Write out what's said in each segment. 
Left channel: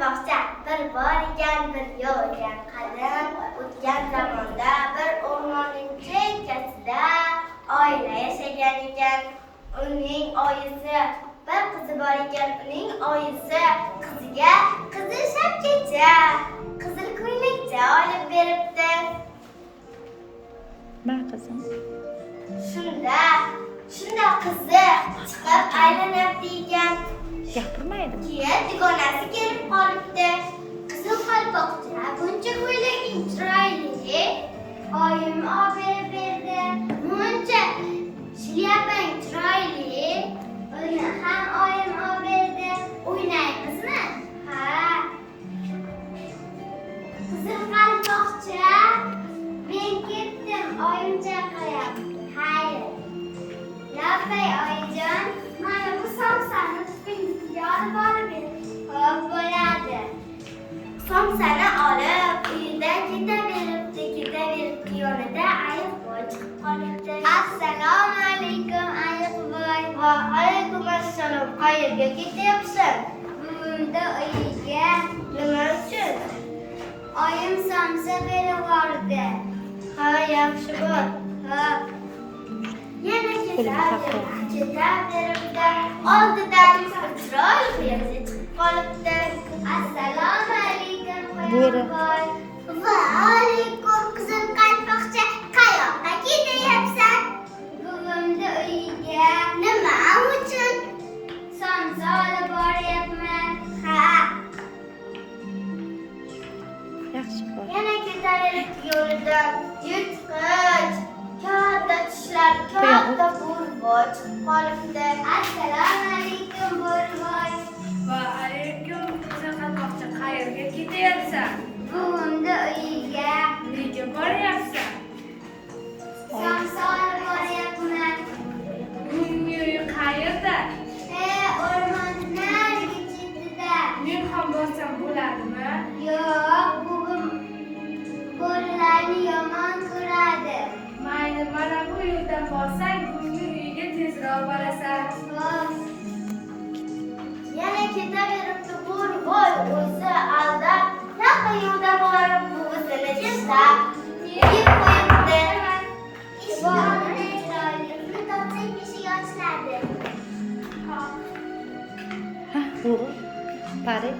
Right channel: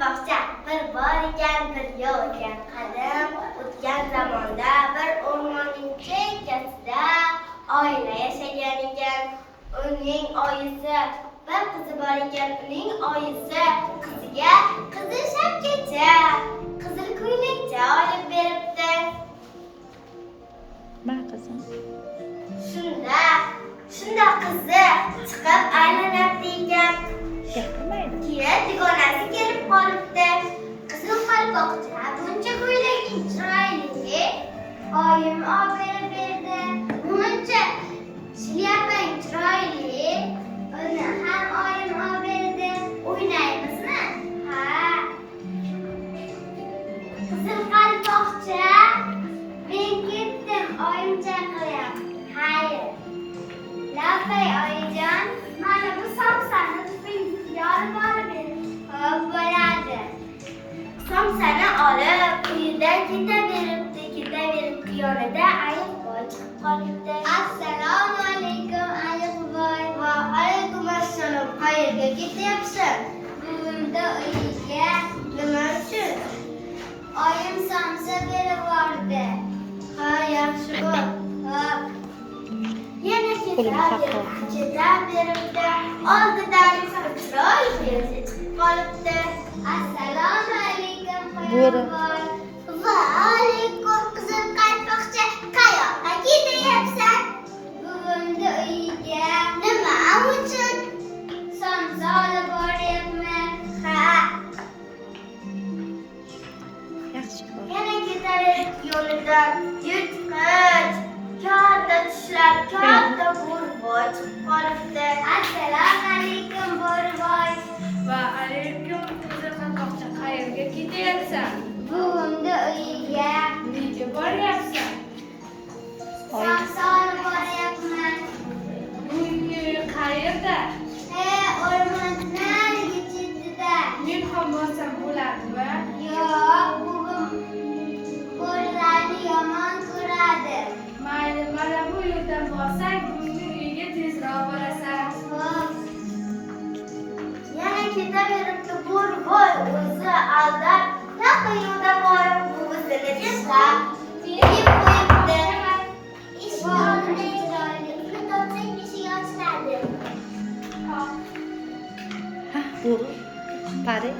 qalpoqcha. Bir bor ekan, bir yo'q ekan. Qadim o'tgan zamonda bir o'rmonning chekkasida oila yashagan ekan. Uning oyisi bir qizi bor ekan. Uning oyisi qiziga qizil shapkacha, qizil ko'ylakcha olib beribdi. Ma qizim. Shunda qizi chiqib aylanardi ekan. Gapirmaydi. Keyin dugonasi kelib qolibdi. Qizil qalpoqcha buncha ko'ylaging chiroyli. Oyim olib berdi. Buncha shlyapang chiroyli. Uni ham oyim olib berdi. O'ynaymizmi? Ha. Qizil qalpoqcha, men ketdim, oyim chaqiryapti. Hayır. Lapay oyijon, mana bu somsani tupingiga olib borib hop bo'ladi. Somsani olib uyidan ketaveribdi. Yonida ayiqvoy chiqib qolibdi. Assalomu alaykum ayiqvoy. Va alaykum assalom. Qayerga ketyapsan? Buvimda uyiga. Nima uchun? Oyim somsa berib yubordi. Ha, yaxshi bo'l. Hop. Yana ketaveribdi. Oldidan chiroyli qizi chiqib qolibdi. Assalomu alaykum qo'yboy. Va alaykum qizil qalpoqcha. Qayoqqa ketyapsan? Buvimni uyiga. Nima uchun? Somsa olib boryapman. Ha. Yaxshi bo'l. Yana ketaveribdi yo'lidan. Yirtqich, katta tishlar, katta bo'rboy chiqib qolibdi. Assalomu alaykum bo'rboy. Va alaykum qizil qalpoqcha. Qayerga ketyapsan? Buvimni uyiga. Nega boryapsan? Somsa olib boryapman. Buvingni uyi qayerda? O'rmonning narigi chetida. Men ham borsam bo'ladimi? Yo'q, buvim bo'rilarni yomon ko'radi. Mayli, mana bu yo'ldan borsang, buvingni uyiga tezroq borasan. Hop. Yana ketaveribdi bo'rboy o'zi aldab, yaqin yo'lda borib buvisini tashlab, yeb qo'yibdi. Eshikni chiroyli topsak eshik ochiladi. Ha, bo'ri. Pari.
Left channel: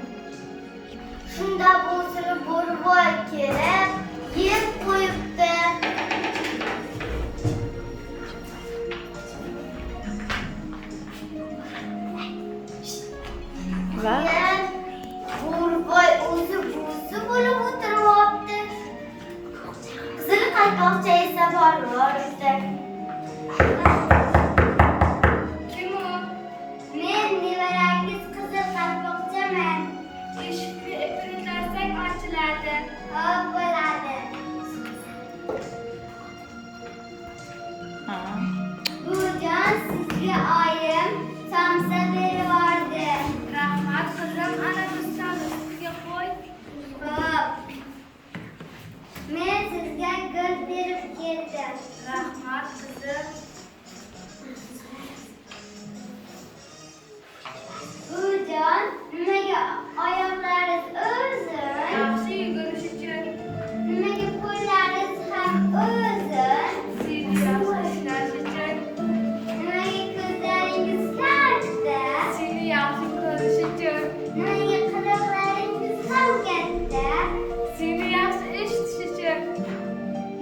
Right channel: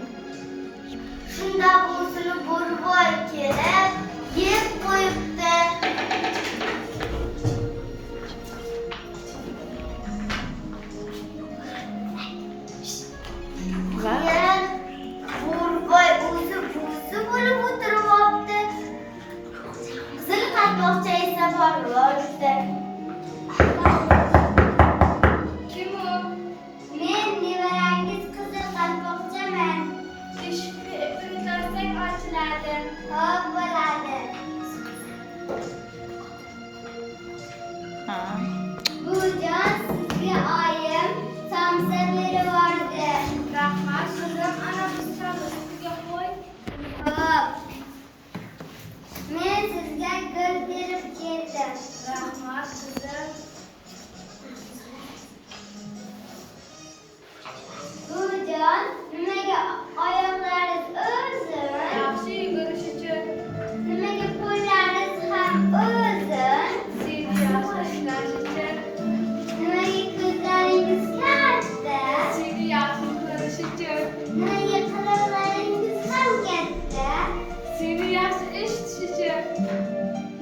Shunda o'zini bo'rboy kelib, yeb qo'yibdi. Va Bo'rboy o'zi buvi bo'lib o'tirib olibdi. Qizil qalpoqcha esa borib olibdi. Kim u? Men nevarangiz qizil qalpoqchaman. Eshikni ipini ochiladi. Hop bo'ladi. ha. Buvijon, sizga oyim somsa berib yubordi. Rahmat qizim, ana bu stolni ustiga qo'y. Hop. Men sizga gul berib keldim. Rahmat qizim. Buvijon, nimaga oyoqlaringiz uzun? Yaxshi yugurish uchun Nimaga qo'llaringiz ham uzun? seni yaxshi ishlash uchun, Nimaga ko'zlaringiz katta? seni yaxshi ko'rish uchun, Nimaga quloqlaringiz ham katta? seni yaxshi eshitish uchun,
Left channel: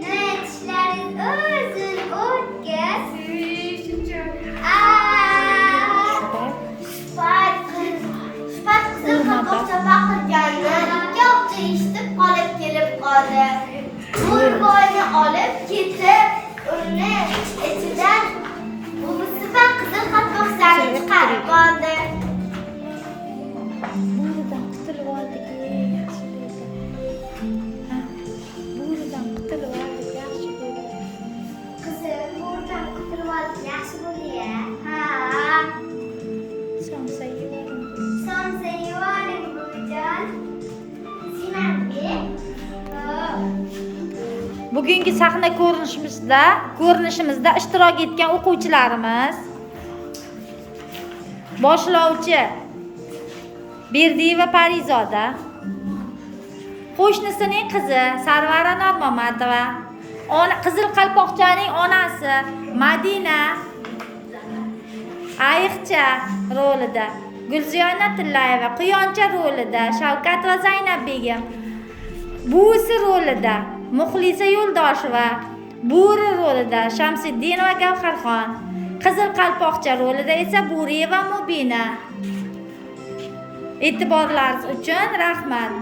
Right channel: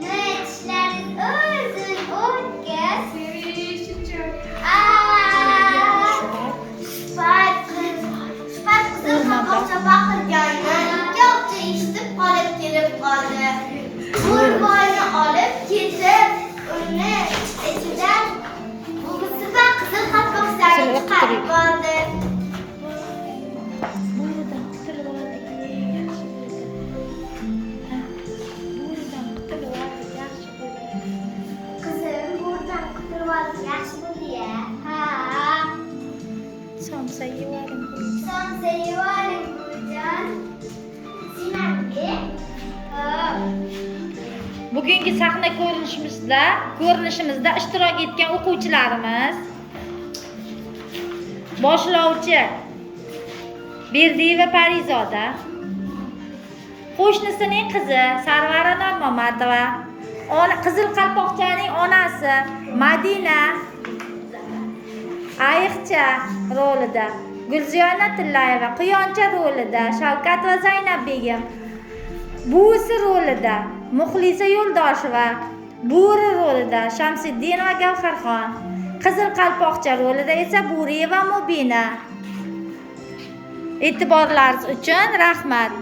Nimaga tishlaringiz uzun, o'tkir? seni yeyish uchun. Sifat qizil qalpoqcha baqirganda ikki hafta eshitib qolib kelib qoldi. Bo'rboyni olib ketib, uni ichidan buvisi va qizil qalpoqchani chiqarib oldi. Bo'ridan qutulib oldik. Yaxshi bo'ldi. Ha. Bo'ridan qutulib oldik. Yaxshi bo'ldi. Qizim, bo'ridan qutulib oldik, yaxshi bo'ldi-ya. Ha. Somsa yevaring. Somsa yevaring buvijon. Sinambi. Hop. Bugungi sahna ko'rinishimizda ishtirok etgan o'quvchilarimiz boshlovchi Berdiyeva Parizoda. Qo'shnisining qizi Sarvara Nurmamatova. Qizil Qalpoqchaning onasi Madina Ayiqcha rolida. Gulziyona Tillayeva Quyoncha rolida. Shavkat va Zaynab Begim. Buvisi rolida Muxlisa Yo'ldosheva. Bo'ri rolida Shamsiddin va Gavharxon. Qizil Qalpoqcha rolida esa Bo'riyeva Mubina. E'tiborlaringiz uchun rahmat.